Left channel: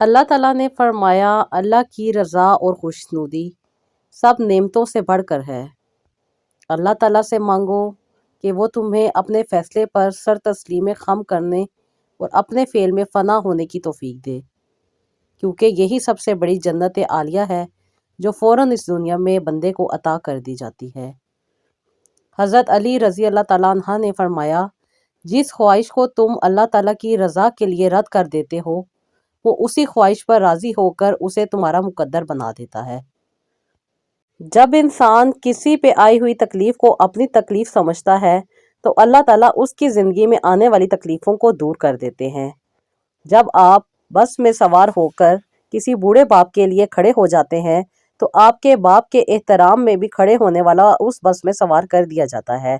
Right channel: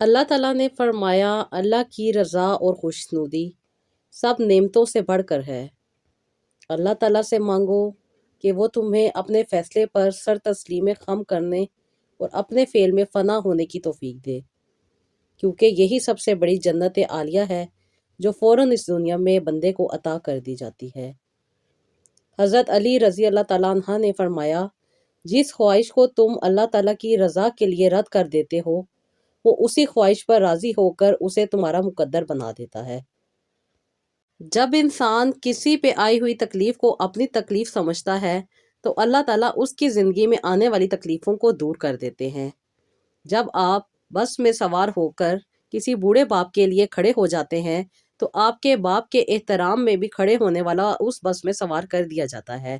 اللہ تعالیٰ نے فرمایا، اللہ کی رضا اور خوشنودی سب نعمتوں سے بڑھ کر ہے۔ اللہ تعالیٰ سے مانگو کہ وہ تمہیں اپنے فیصلے پر سر تسلیم خم کرنے اور اپنے فعل میں فنا ہونے کی توفیق دے، کیونکہ یہی سب سے بڑی جنت عالیہ ہے جو فوراً اس دنیا میں بندے کو عطا کر دی جاتی ہے۔ حضرت علی رضی اللہ تعالیٰ عنہ نے فرمایا، جس خواہش کو تم اللہ تعالیٰ کی رضا کے لیے رد کر دیتے ہو، وہ اسی خواہش پر راضی ہو کر اسے تمہارا مقدر بنا دیتا ہے۔ جب انسان کسی پہ آئی ہوئی تکلیف کو اپنی تکلیف سمجھتا ہے تو اللہ تعالیٰ اس کی زندگی میں آنے والی تکلیفوں کو دور کر دیتے ہیں۔ جب آپ بس میں سوار ہو کر کسی بوڑھے باپ کے لیے کھڑے ہو جاتے ہیں تو آپ کے باپ کے احترام میں بھی کھڑے ہونے والا اس بس میں سوار کر دیا جاتا ہے۔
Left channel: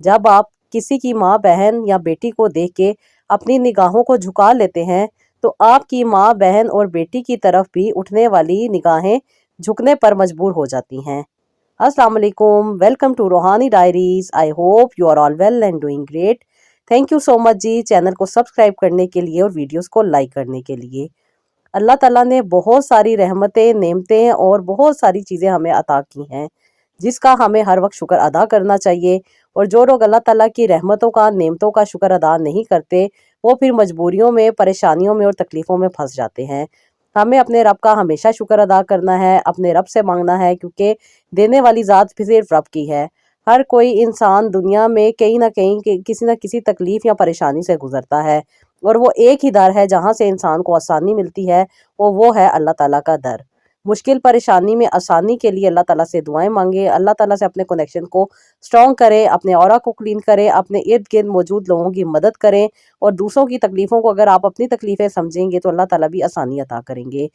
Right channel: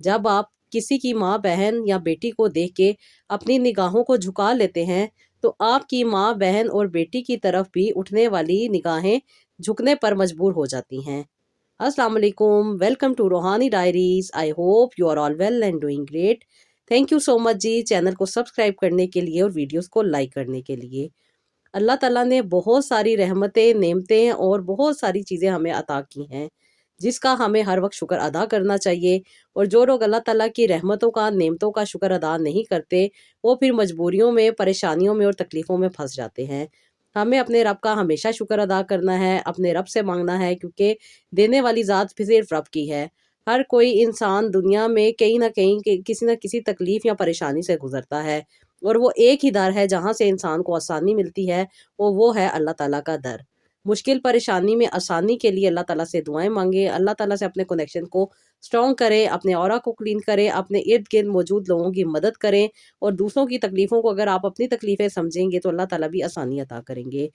جب آپ کسی کی ماں، بہن یا بیٹی کو دیکھ کے اپنی نگاہوں کو جھکا لیتے ہیں تو آپ کی ماں، بہن اور بیٹی کی طرف بھی اٹھنے والی نگاہیں جھکنے پر مجبور ہو جاتی ہیں۔ السلام علیکم، welcome to Roohani Diaries. I hope you are all well and doing great. Thank you so much جی چینل کو سبسکرائب کرنے کے لیے اور ویڈیوز کو لائک کرنے کے لیے۔ اللہ تعالیٰ نے بہت ساری رحمتیں، نعمتیں اور بہت ساری چیزیں ہمیں عطا کی ہیں جس کا ہمیں ہر وقت شکر ادا کرنا چاہیے، اور جو لوگ اللہ تعالیٰ کی رحمتوں کا، نعمتوں کا شکر ادا نہیں کرتے وہ پھر مجبوریوں میں، پریشانیوں میں اور تکلیفوں میں پھنس جاتے ہیں۔ ہمیں اپنے رب کا ہمیشہ شکر ادا کرنا ہے، اپنے رب سے مانگنا ہے، کیونکہ دینے والی ذات بھی صرف رب کی ہے۔ ہر کوئی انسان دنیا میں کہیں نہ کہیں کسی نہ کسی تکلیف یا پریشانی سے گزرتا ہے، اور وہ ایک ہی در ہے جہاں سے انسان کو آسانی ملتی ہے، وہ ہے اللہ تعالیٰ کا در۔ مشکل پریشانی میں آسانی کے لیے اللہ تعالیٰ سے دعائیں مانگے، اللہ تعالیٰ سے اپنے کنیکشن کو سٹرونگ کریں، اپنے اورا کو کلین کریں، اپنے ارد گرد موجود لوگوں کی مدد کریں، اور دوسروں کی تکلیفوں کو اگر آپ اپنی تکلیفیں سمجھیں گے تو اللہ تعالیٰ بھی آسانی عطا کریں گے۔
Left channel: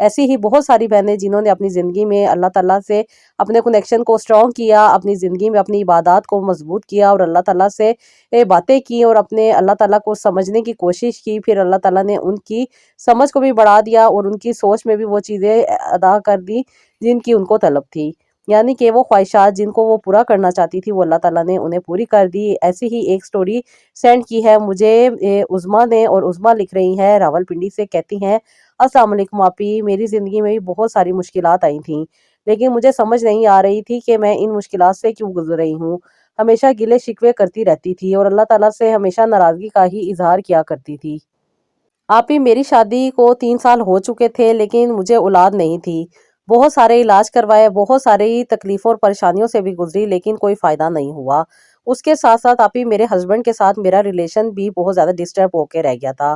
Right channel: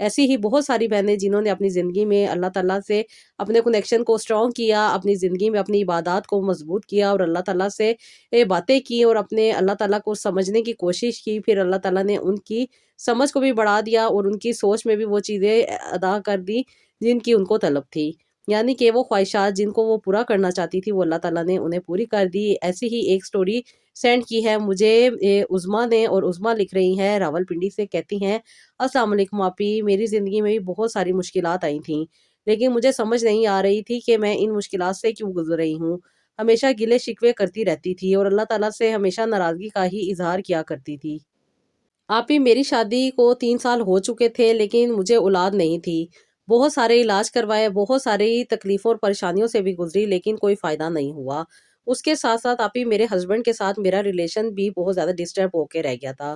ایسی ہی بہت ساری بہنیں جنہوں نے اپنی زندگی میں اللہ تعالیٰ سے اپنے کنیکشن کو سٹرونگ کیا، اپنی زندگی میں اپنی عبادات کو مضبوط کیا اور اللہ تعالیٰ سے باتیں کی اور اپنے اللہ تعالیٰ کو سمجھنے کی کوشش کی، پھر اللہ تعالیٰ نے ان کی سمجھ کو بھی بڑھا دیا اور ان کی سوچ میں بھی وہ چیزیں ادا کر دی جن کی ان کو طلب تھی، یعنی کہ وہ خواہشات جن کو وہ پورا کرنا چاہتی تھی وہ اللہ تعالیٰ نے انہیں پوری کر دی۔ ایسی ہی ایک سٹوری سینڈ کی ہے مجھے عظمیٰ نے، اور عظمیٰ لکھ رہی ہیں راول پنڈی سے، کہتی ہیں، السلام علیکم آپی، میری زندگی میں بھی بہت ساری مشکلات آئی تھیں، لیکن مجھے سمجھ نہیں آ رہی تھی کہ میں ان مشکلات سے کیوں گزر رہی ہوں۔ ہمیشہ گلے شکوے کرتی رہتی تھی اور اللہ تعالیٰ سے ہمیشہ ناراضگی کا ہی اظہار کیا کرتی تھی۔ آپی، میری شادی کو 3 سال ہو چکے تھے لیکن مجھے اولاد نہیں تھی۔ بہت سارے علاج کروائے، بہت ساری تکلیفوں اور پریشانیوں سے بھی گزری لیکن کوئی فائدہ نہیں ہوا۔ اس کے ساتھ ساتھ آپی میرے ہسبینڈ کے ساتھ میرا ریلیشن بھی بہت زیادہ ڈسٹرب ہو کے رہ گیا تھا۔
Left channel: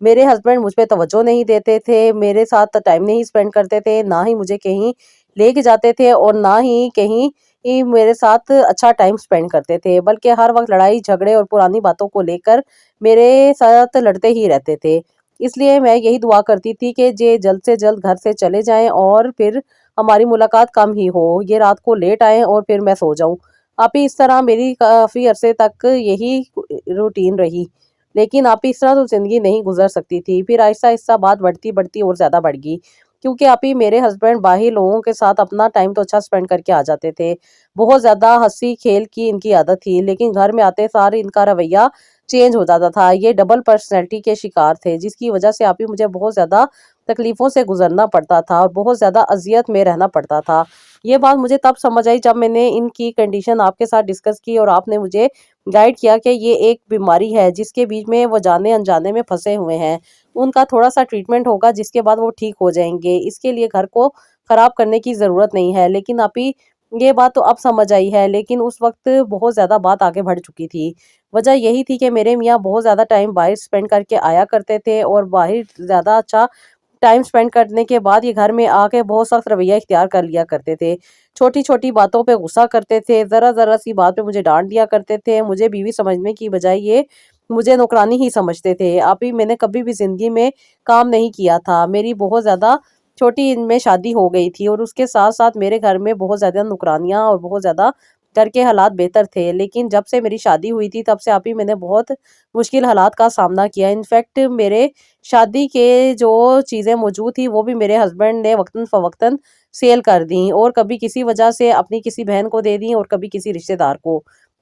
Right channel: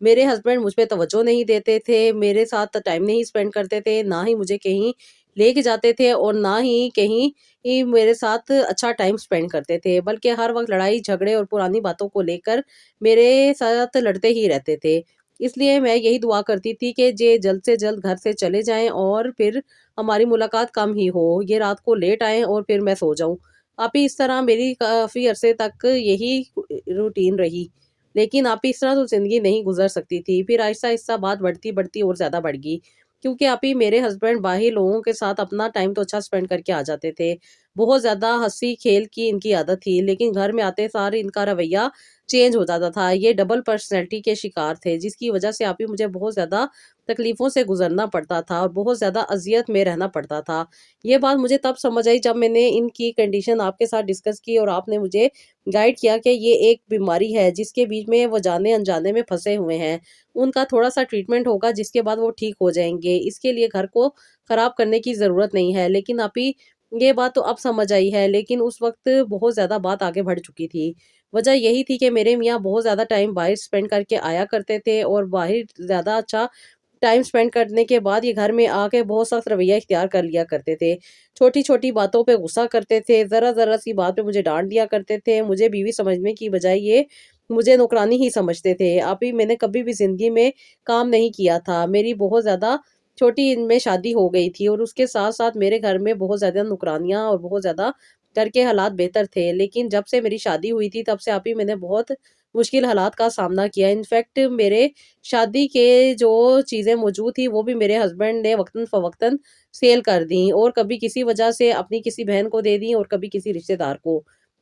میرے ہسبینڈ مجھ پہ توجہ نہیں دیتے تھے، میرے ساتھ ٹائم نہیں اسپینڈ کرتے تھے، نہ ہی مجھے کہیں لے کے جاتے تھے اور نہ ہی کہیں میرے ساتھ اچھا ٹائم اسپینڈ کرتے تھے، بلکہ ہر وقت لڑائی جھگڑے اور پرانی باتوں کو لے کر میرے ساتھ لڑتے ہی رہتے تھے۔ اس لیے میں یہی دعا کرتی تھی کہ یہ جلد سے جلد گھر سے چلے جائیں اور پھر ہماری ملاقات کم ہی ہو، یہ رات کو لیٹ آئیں اور پھر میں سو جاؤں۔ آپی اس طرح میری کافی عرصے تک یہی روٹین رہی، لیکن آپی اس طرح تو زندگی نہیں گزر سکتی تھی۔ پھر آہستہ آہستہ بات بڑھتی بڑھتی اور زیادہ بڑھ گئی، کیونکہ آپی میرے ہسبینڈ باہر لوگوں کے ساتھ اپنا ٹائم تو اچھا اسپینڈ کر کے آ جاتے تھے، بہت زیادہ ہنسی کھیل کی ان کی عادت تھی، لیکن گھر میں آتے سار ان کا رویہ چینج ہو جاتا تھا۔ یہ ڈبل پرسنالٹی کے شکار تھے، جس کی وجہ سے آپی مجھے بہت زیادہ تکلیفوں سے گزرنا پڑتا تھا اور بہت زیادہ اذیت میں رہنا پڑتا تھا۔ یہ بات مجھے تب سمجھ آئی جب میں نے ان کی کنڈیشن آپ کے ساتھ ڈسکس کی اور آپ نے مجھے گائیڈ کیا کہ یہ ایک بیماری ہے جس کے بیچ میں وہ جانے انجانے میں پھنسے ہوئے ہیں، ان کا تھوڑا سا ٹریٹمنٹ ہوگا جس کے بعد وہ ٹھیک ہو جائیں گے، اس کے لیے گھر کو خراب کرنے کی ضرورت نہیں ہے۔ لیکن آپی یہ بات تو اب سمجھ آئی ہے، لیکن اس وقت بہت زیادہ بات آگے بڑھ چکی تھی۔ وجہ یہی تھی کہ میرے میاں بہت زیادہ ٹائم باہر اسپینڈ کر کے آیا کرتے تھے اور باہر زیادہ اچھا ٹائم اسپینڈ کرنے کے بعد یہ گھر میں آ کے بہت سخت رویہ اختیار کر لیا کرتے تھے، چھوٹی چھوٹی باتوں پہ غصہ کرتے تھے، ذرا ذرا سی بات پہ مجھے ڈانٹ دیا کرتے تھے، مجھے بیوی سمجھنے کی بجائے یہ مجھے نوکرانی ہی سمجھتے تھے۔ آپی میں نے کبھی بھی زندگی میں کام نہیں کیا تھا، میری بہت زیادہ چھوٹی ان میں شادی ہو گئی تھی اور اس کے ساتھ ساتھ میرے گھر میں بہت زیادہ نوکرانیاں اور بہت زیادہ گھر کے حالات بہتر تھے، لیکن جب سے میری شادی ہوئی تھی تب سے آپی میں نے بہت مشکل حالات کا سامنا کیا۔ انفیکٹ میرے شادی کے جو چیزیں موجود تھی وہ بھی میرے ہسبینڈ نے وقتاً فوقتاً سیل کر دیں، اور کبھی کسی وجہ سے اپنی کسی بہن کو دے دیں اور کبھی کسی رشتہ دار کو۔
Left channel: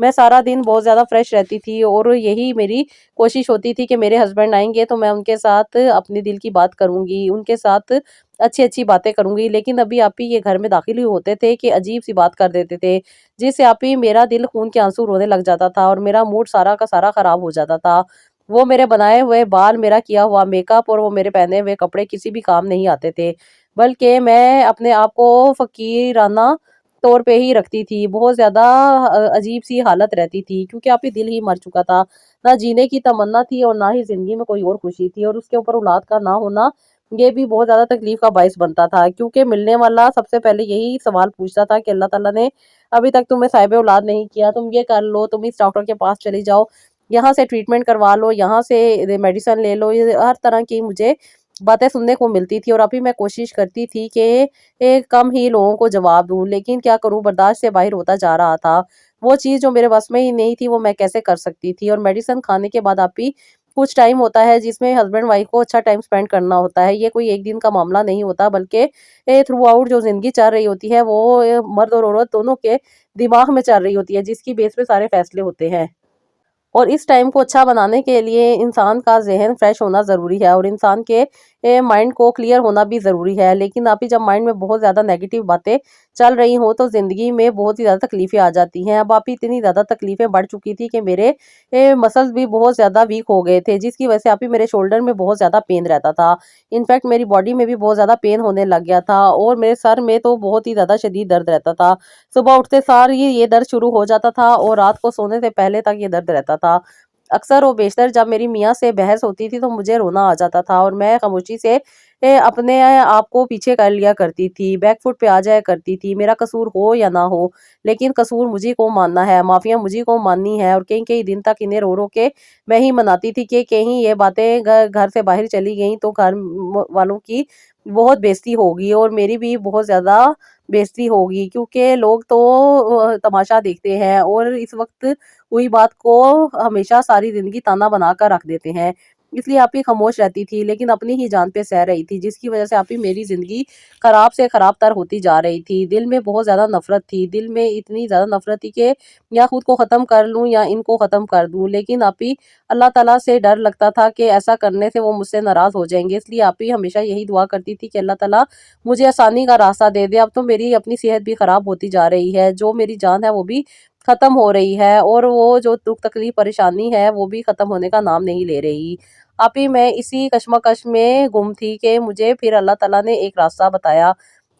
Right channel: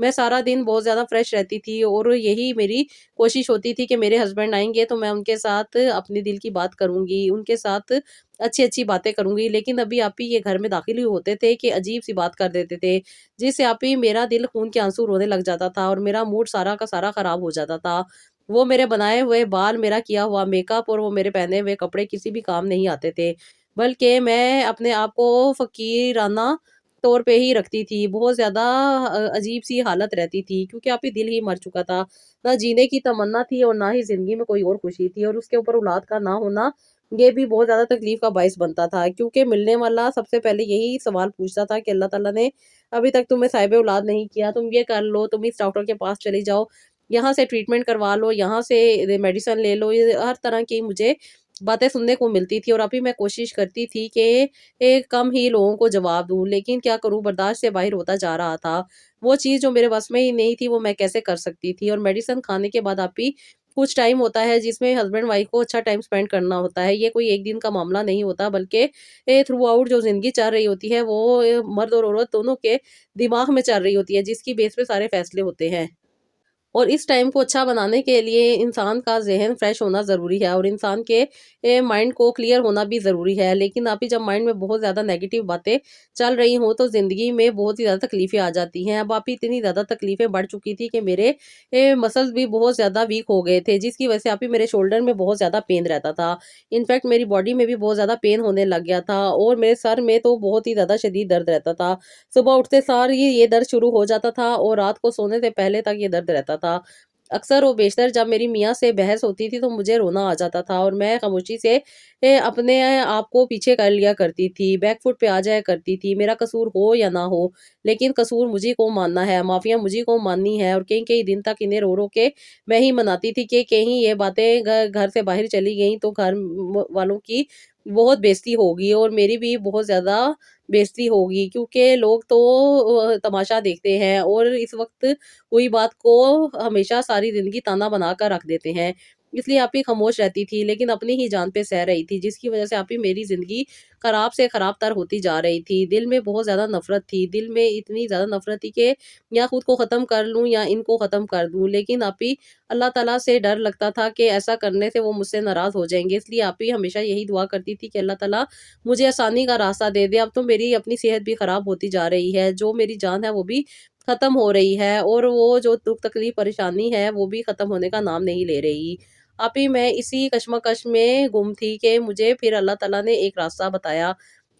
میں سارا دن بہت زیادہ فریش رہتی تھی، اور یہی میری کوشش ہوتی تھی کہ میرے ہسبینڈ آئیں گے تو میں ان کے ساتھ اپنے دل کی بات کروں گی، ان کے ساتھ اچھی اچھی باتیں کروں گی۔ لیکن ابھی آپ ہی یہ گھر میں داخل ہی ہوتے تھے کہ عجیب سی بات کر دیتے تھے، جس سے آپ ہی میرا دل خون کے آنسو رونے لگ جاتا تھا، اور میرا موڈ سارا کا سارا خراب ہو جاتا تھا۔ وہ میرے بنائے ہوئے بال، میرا کیا ہوا میک اپ اور وہ میرے پہنے ہوئے کپڑے کسی بھی کام نہیں آتے تھے، بلکہ میں اپنے آپ کو فقیرانہ طور پہ ہی رکھتی تھی۔ بہت زیادہ عجیب سی حالت رہتی تھی، کیونکہ آپ ہی دل ہی مر چکا تھا، نہ جینے کی تمنا تھی اور نہ ہی زندگی میں کوئی اور خوشی تھی، اور اس کے اوپر اولاد کا نہ ہونا یہ بھی بہت زیادہ تکلیف کا باعث بنتا تھا، کیونکہ ملنے والا سب سے پہلے یہی سوال پوچھتا تھا کہ اللہ تعالیٰ نے ابھی تک تمہیں صاحب اولاد نہیں کیا، تم یہ کر لو، تم اس ڈاکٹر کے پاس چلی جاؤ، یہاں سے ٹریٹمنٹ کروا لو، یہاں سے میڈیسن لے لو، یہ ہر طرح کی مجھے باتیں سننے کو ملتی تھی، اور ابھی میں کوشش کرتی تھی کہ کم ہی لوگوں کو جواب دوں، لیکن کیا کروں، برداشت سے باہر ہوتا جا رہا تھا۔ وہ چیز جو میرے بس میں ہی نہیں تھی وہ میں کیسے کر سکتی تھی، اور میڈیسن کھانے کے بعد آپ ہی کچھ ٹائم ہوتا ہے جس میں ہسبینڈ وائف کو اچھا ٹائم سپینڈ کرنا ہوتا ہے، یہ کوئی ایک دن کا معاملہ نہیں ہوتا، بلکہ تھرو آؤٹ جو زندگی چل رہی ہوتی ہے وہ مرد اور عورت دونوں کے دماغ میں چل رہی ہوتی ہے، جس کی بیس پہ سارے فیصلے ہوتے ہیں۔ اور اس ٹائم کو اچھا بنانے کے لیے انسان کا ذہن فریش ہونا ضروری ہے، اور انسان کے مائنڈ کو کلیئر ہونا بھی ضروری ہے۔ لیکن آپ ہی جب مائنڈ میں بہت زیادہ نیگیٹو باتیں چل رہی ہوں تو زندگی میں بہت ہی زیادہ تکلیفیں آ جاتی ہیں۔ اب آپ ہی اتنی زیادہ تکلیفیں بڑھ چکی تھی کہ میرے مسلز بھی بہت زیادہ ویک ہو گئے تھے، جس کی وجہ سے آپ ہی میرے شولڈر میں بہت زیادہ پین رہتا تھا، انفیکٹ میری باڈی میں بھی بہت زیادہ پین ہونے لگ گیا تھا، اور میرے سر میں تو بہت ہی زیادہ شدید درد رہتا تھا۔ صبح اٹھتے سار یہ درد شروع ہو جاتا تھا، اور رات کو سونے سے پہلے تک یہ درد رہتا تھا۔ اکثر و بیشتر جب میری میاں سے بحث ہوتی تھی تو مجھے رونا آ جاتا تھا، اور میں خاموشی سے اپنے آپ کو پیچھے کر لیا کرتی تھی، بیک فٹ پہ آ جایا کرتی تھی، میرا قصور ہو یا نہ ہو، لیکن قصور مجھے کو ماننا ہے، معافیاں مجھے کو ماننی ہے، اور کئی کئی دن تک انہیں رو رو کے میں ہی مناتی تھی کہ کہیں یہ باتیں گھر سے باہر چلی گئیں تو گھر والوں کی بہت بےزتی ہوگی، اور میری بھی بہت زیادہ بےزتی ہوگی، کیونکہ لوگ تو تماشا دیکھتے ہیں، اور اس وقت ہوئی بات کو ہمیشہ ساری زندگی تانا بنا کر رکھ دیتے ہیں۔ اس لیے آپ ہی خاموش رہتی تھی، لیکن اپنی ہی جان پہ سہ رہی تھی، جس کی وجہ سے آپ ہی میری زندگی خراب سے خراب تر ہوتی جا رہی تھی۔ دل میں بہت زیادہ نفرت تھی، دل میں اتنی زیادہ نفرت تھی کہ یا خود کو ختم کر لوں یا ان کو ختم کر دوں، لیکن آپ ہی اللہ تعالیٰ سے ڈر لگتا تھا کہ ایسا کرنے سے وہ مجھ سے ناراض ہو جائیں گے، اس لیے آپ ہی ہمیشہ یہی دعا کرتی تھی کہ اللہ تعالیٰ مجھے آسانی کا راستہ دے دے۔ اب تو میری اپنی صحت بھی خراب ہوتی جا رہی ہے، جو میری جان ہے وہ بھی ختم ہو رہی ہے، اور وہ جو دکھ تکلیف پریشانی ہے وہ بھی ختم ہونے کا نام نہیں لے رہی۔ آپ ہی میں اسی کشمکش میں گم تھی کہ مجھے پھر اللہ تعالیٰ نے ایک راستہ بتایا۔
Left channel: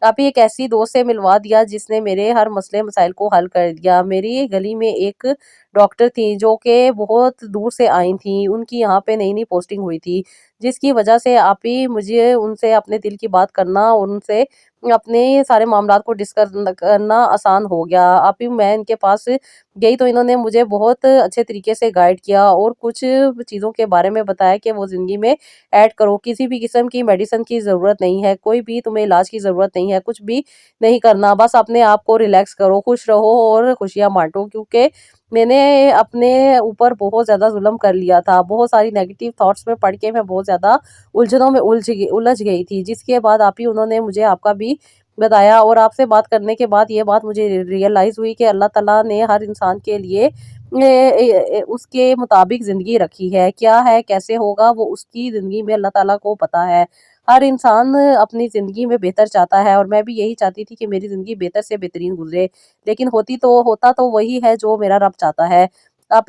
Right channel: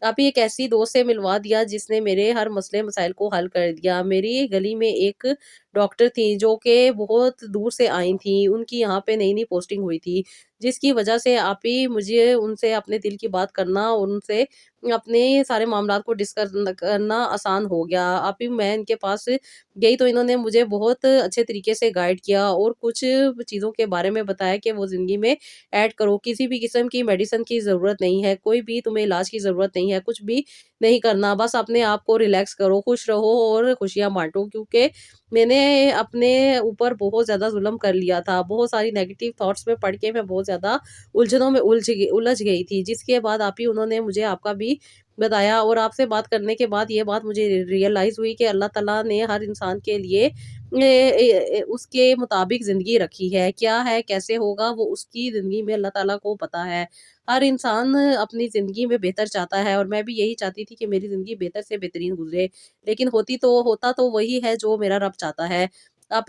آپ ہی ایک ایسی دوست سے ملوا دیا جس نے میرے ہر مسئلے مسائل کو حل کر دیا۔ میری گلی میں ایک ڈاکٹر تھی جو کہ بہت دور سے آئی تھیں، ان کی یہاں پہ نئی نئی پوسٹنگ ہوئی تھی، جس کی وجہ سے آپ ہی مجھے ان سے اپنے دل کی بات کرنا اور ان سے اپنے سارے معاملات کو ڈسکس کرنا آسان ہو گیا۔ آپ ہی میں ان کے پاس گئی تو انہوں نے مجھے بہت اچھے طریقے سے گائیڈ کیا، اور کچھ چیزوں کے بارے میں بتایا کہ وہ زندگی میں ایڈ کرو، کسی بھی قسم کی میڈیسن کی ضرورت نہیں ہے، کوئی بھی تمہیں علاج کی ضرورت نہیں ہے، کچھ بھی نہیں کرنا، بس اپنے آپ کو ریلیکس کرو، خوش رہو اور خوشیاں بانٹو، کیونکہ میں نے اپنے اوپر بہت زیادہ ظلم کر لیا تھا، بہت ساری نیگیٹو تھاٹس میں پڑھ کے میں بہت زیادہ الجھنوں میں الجھ گئی تھی، جس کے بعد آپ ہی انہوں نے مجھے آپ کا بھی بتایا، اور آپ سے بات کرنے کے بعد یہ بات مجھے ریئلائز ہوئی کہ اللہ تعالیٰ نے ہر انسان کے لیے اس کے مطابق زندگی رکھی ہے، کیا ہے کیسے ہوگا وہ اس کی زندگی میں اللہ تعالیٰ کو پتا ہے۔ ہر انسان اپنی زندگی میں بہتر چاہتا ہے، اور میں بھی یہی چاہتی تھی کہ میری زندگی بہتر سے بہترین گزرے، لیکن ہوتا تو وہی ہے جو میرا رب چاہتا ہے۔ آپ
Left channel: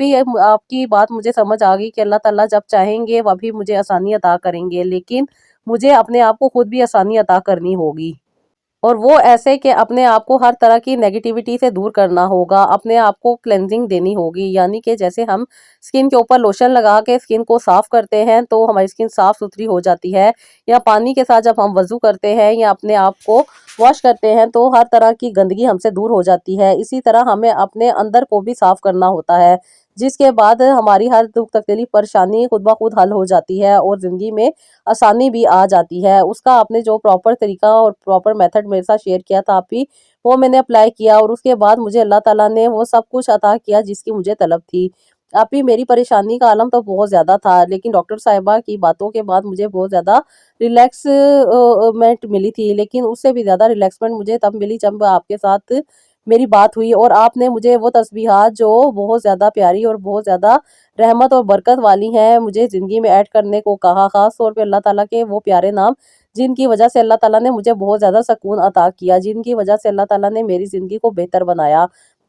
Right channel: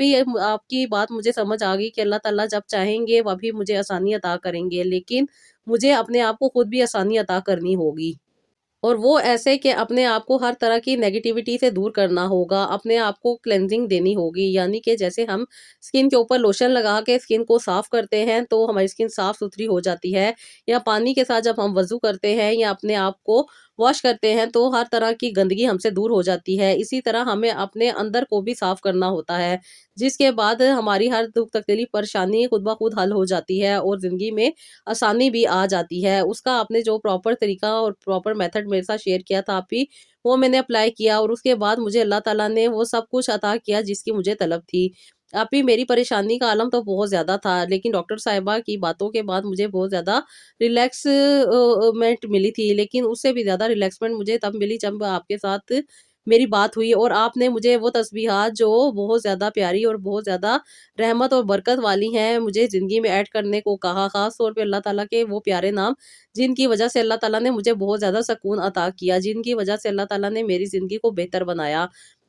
کی بات مجھے سمجھ آ گئی کہ اللہ تعالیٰ جب چاہیں گے وہ بھی مجھے آسانی عطا کریں گے، لیکن مجھے اپنے آپ کو خود بھی آسانی عطا کرنی ہوگی، اور وہ ایسے کہ اپنے آپ کو ہر طرح کی نیگیٹیوٹی سے دور کرنا ہوگا، اپنے آپ کو کلینزنگ دینی ہوگی، یعنی کہ جیسے ہم سکن کے اوپر لوشن لگا کے سکن کو صاف کرتے ہیں تو ہماری سکن صاف ستھری ہو جاتی ہے، یا پانی کے ساتھ جب ہم وضو کرتے ہیں یا اپنے آپ کو واش کرتے ہیں تو ہر طرح کی گندگی ہم سے دور ہو جاتی ہے، اسی طرح ہمیں اپنے اندر کو بھی صاف کرنا ہوتا ہے، جس کے بعد ہماری ہر دکھ تکلیف پریشانی خود بخود حل ہو جاتی ہے، اور زندگی میں آسانی بھی آ جاتی ہے۔ اس کا آپ نے جو پراپر طریقہ اور پراپر میتھڈ میرے ساتھ شیئر کیا تھا آپ ہی، وہ میں نے اپلائی کیا، اور اس کے بعد مجھے اللہ تعالیٰ نے وہ سب کچھ عطا کیا جس کی مجھے طلب تھی۔ آپ ہی میری پریشانی کا عالم تو بہت زیادہ تھا، لیکن ڈاکٹر صاحبہ کی باتوں کے بعد مجھے بہت زیادہ ریلیکسمنٹ ملی تھی، لیکن اس سے بھی زیادہ ریلیکسمنٹ مجھے تب ملی جب آپ کے ساتھ میری بات ہوئی اور آپ نے مجھے وہ تسبیحات جو بہت زیادہ پیاری اور بہت زیادہ رحمت اور برکت والی ہیں مجھے زندگی میں ایڈ کرنے کو کہا، خاص طور پہ اللہ تعالیٰ کے وہ پیارے نام جن کی وجہ سے اللہ تعالیٰ نے مجھے بہت زیادہ سکون عطا کیا، جن کی وجہ سے اللہ تعالیٰ نے میری زندگی کو بہتر بنایا۔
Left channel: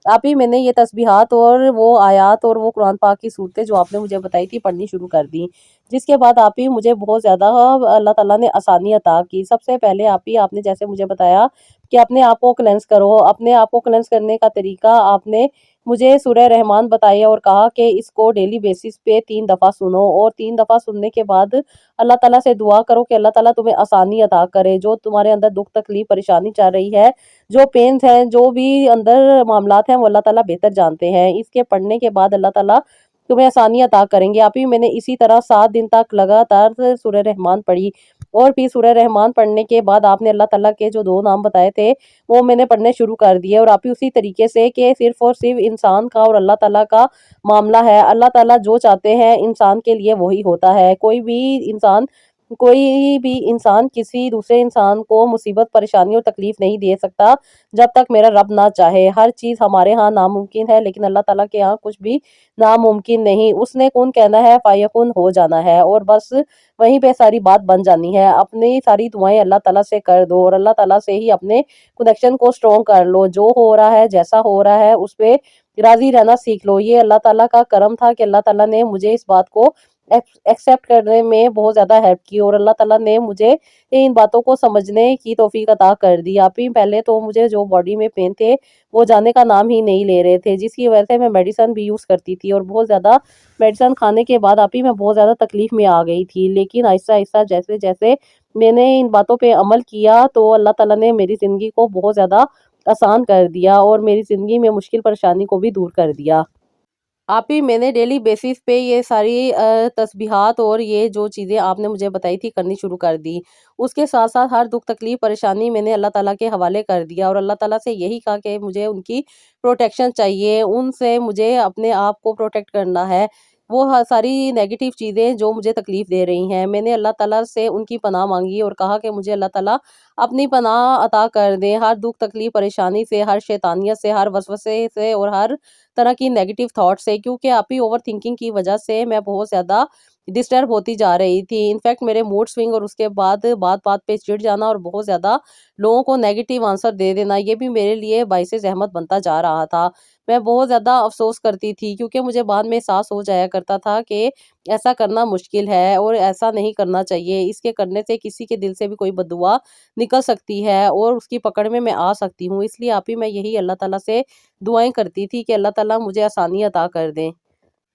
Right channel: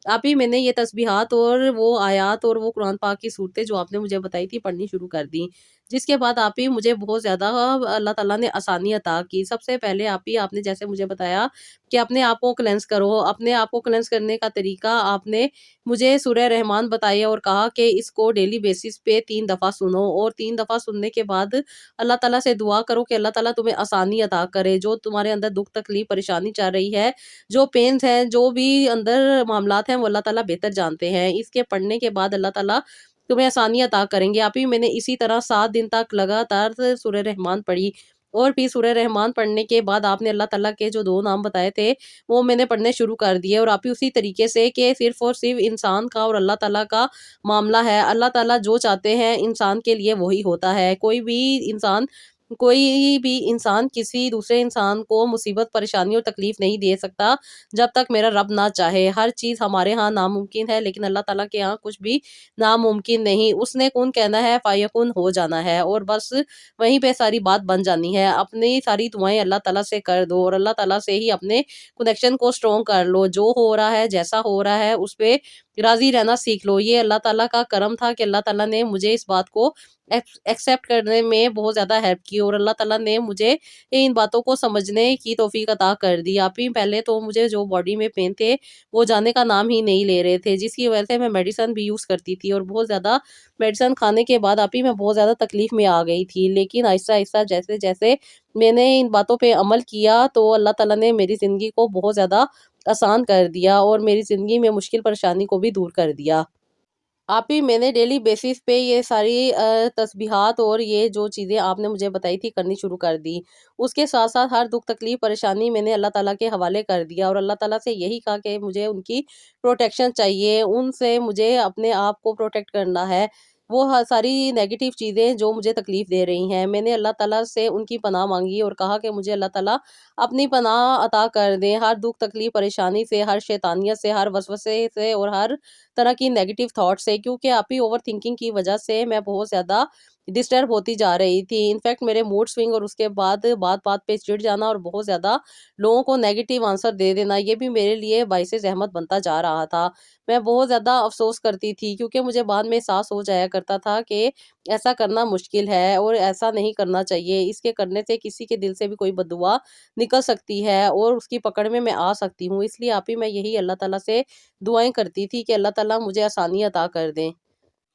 آپ ہی میں نے یہ تسبیحات اور وہ آیات اور وہ قرآن پاک کی صورتیں جو آپ نے مجھے بتائی تھی پڑھنی شروع کر دی، جس کے بعد آپ ہی مجھے بہت زیادہ اللہ تعالیٰ نے آسانی عطا کی۔ سب سے پہلے آپ نے جیسے مجھے بتایا کہ اپنے آپ کو کلینس کرو، اپنے آپ کو کلینس کرنے کا طریقہ آپ نے مجھے سورہ رحمان بتایا اور کہا کہ اس کو ڈیلی بیسس پہ 3 دفعہ سنو، اور 3 دفعہ سننے کے بعد اللہ تعالیٰ سے دعا کرو کہ اللہ تعالیٰ تمہیں آسانی عطا کرے، جو تمہارے اندر دکھ تکلیف پریشانی چل رہی ہے، جو پینز ہیں، جو بھی اندر معاملات ہیں، وہ اللہ تعالیٰ بہتر جانتے ہیں۔ اس کے پڑھنے کے بعد اللہ تعالیٰ تمہیں آسانی عطا کریں گے۔ آپ ہی میں نے اسی طرح 7 دن تک لگاتار سورہ رحمان پڑھی، اور پھر سورہ رحمان پڑھنے کے بعد آپ نے اللہ تعالیٰ کے جو 2 نام بتائے تھے وہ میں نے پڑھنے شروع کر دیے، اور آپ ہی اسی طریقے سے کہ صرف اور صرف انسان کا اور اللہ تعالیٰ کا معاملہ ہے، اللہ تعالیٰ جو چاہتے ہیں انسان کے لیے وہی ہوتا ہے۔ کوئی بھی انسان کسی دوسرے انسان کو مصیبت پریشانی اور تکلیف نہیں دے سکتا جب تک میرا رب نہ چاہے۔ ہر چیز ہمارے ہاں ناممکن ہے، لیکن اللہ تعالیٰ کے ہاں کچھ بھی ناممکن نہیں۔ اس نے کن کہنا ہے فیکن ہو جانا ہے، اور بس وہیں پہ ساری بات بن جانی ہے۔ اپنی ساری دعائیں اللہ تعالیٰ سے کر دو، اور اللہ تعالیٰ سے ہی اپنے کنیکشن کو سٹرونگ کر لو۔ جو ہو رہا ہے جیسا ہو رہا ہے اس پہ راضی رہنا سیکھ لو۔ یہ اللہ تعالیٰ کا کرم تھا کہ اللہ تعالیٰ نے مجھے اس بات کو ایکسیپٹ کرنے میں بہت زیادہ ہیلپ کی، اور اللہ تعالیٰ نے مجھے ان باتوں کو سمجھنے کی توفیق عطا کر دی۔ آپ ہی پہلے تو مجھے جو باڈی میں پین تھے وہ جانے کا نام ہی نہیں لے رہے تھے، جس کی وجہ سے میں میڈیسن بھی یوز کرتی تھی، اور بہت زیادہ میڈیسن کھانے کے بعد آپ ہی میں بہت زیادہ تکلیف میں آ گئی تھی۔ لیکن آہستہ آہستہ جیسے جیسے میں نے ان باتوں پہ عمل کیا تو اللہ تعالیٰ نے میری زندگی کو بہت زیادہ آسان کر دیا، اور میری زندگی میں مشکل پریشانی کو بھی دور کر دیا۔ آپ ہی میں نے ڈیلی بیسس پہ یہ ساری تسبیحات اور یہ جو چیزیں آپ نے مجھے بتائی تھی کرنی شروع کر دی۔ اس کے ساتھ ساتھ ہر دکھ تکلیف پریشانی میں نے اللہ تعالیٰ کے حوالے کر دیا، اور اللہ تعالیٰ سے یہی کہا کہ مجھے ان کی پروٹیکشن چاہیے، ان سے مجھے اپنے آپ کو پروٹیکٹ کرنا ہے۔ وہ ساری نیگیٹو چیزیں جو مجھے تکلیف دے رہی ہیں، میں نے اللہ تعالیٰ سے ان کی پناہ مانگی اور کہا کہ مجھے اللہ تعالیٰ اپنی پناہ عطا کر دیں ہر دکھ تکلیف پریشانی سے، ہر شیطانیت سے، ہر وسوسے سے، اور ہر طرح کی نیگیٹو تھاٹ سے، کیونکہ آپ ہی اوور تھنکنگ کی وجہ سے میں بہت زیادہ ڈسٹرب ہوتی جا رہی تھی۔ انفیکٹ میرے موڈ سوئنگ، اور اس کے بعد بات بات پہ چڑ جانا، اور بہت زیادہ لوگوں کو نیگیٹو آنسر دے دینا، یہ بھی میرے لیے باعث زحمت بنتا جا رہا تھا۔ میں بہت زیادہ افسوس کرتی تھی، کیونکہ مجھے بعد میں احساس ہو جایا کرتا تھا کہ ایسا کرنا مشکل ہے اور ایسا نہیں کرنا چاہیے، اس کے کرنے سے کسی کے دل سے بھی کوئی بددعا نکل سکتی ہے اور اس کی پکڑ میں آ سکتی ہوں۔ اس لیے آپ ہی میں یہی اللہ تعالیٰ سے دعائیں کرتی تھی کہ اللہ تعالیٰ مجھے آسانی عطا کر دیں۔